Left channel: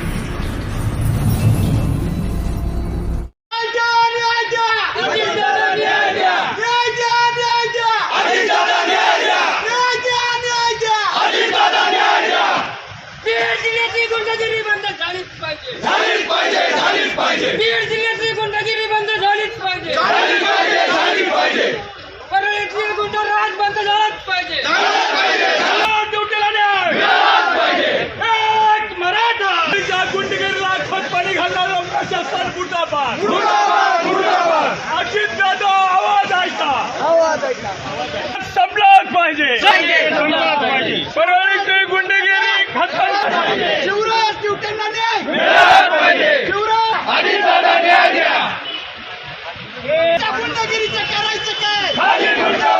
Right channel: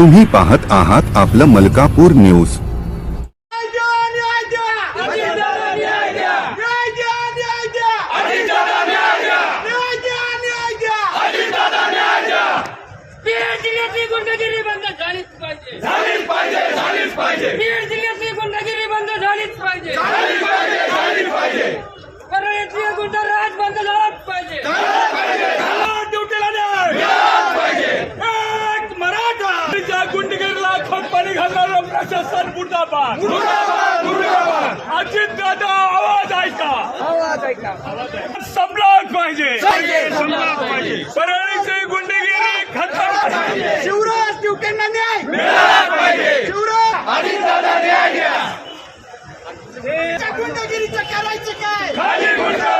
तुम्ही पाहत आहात आपलं मलकापूर न्यूज. गुंडगिरी बंद झालीच पाहिजे. झालीच पाहिजे झालीच पाहिजे. बीड जिल्ह्यातली गुंडगिरी बंद झालीच पाहिजे. झालीच पाहिजे झालीच पाहिजे. परळीतली गुंडराज बंद झालाच पाहिजे. खतपाणी घालणारं प्रशासन मुर्दाबाद। अजित दादा आवाज ऐका। आवाज ऐका। संपलाच पाहिजे। परळीची गुंडगिरी खतम शिवराज ड्युटीला न्याय पाहिजे। शिवराज दादा न्याय द्या। गुंडगिरीचं करायचं काय?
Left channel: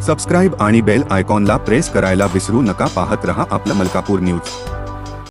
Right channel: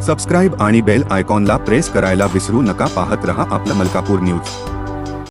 सबस्क्राईब आणि बेल आयकॉनला प्रेस करायला विसरू नका. पाहत रहा आपलं मलकापूर न्यूज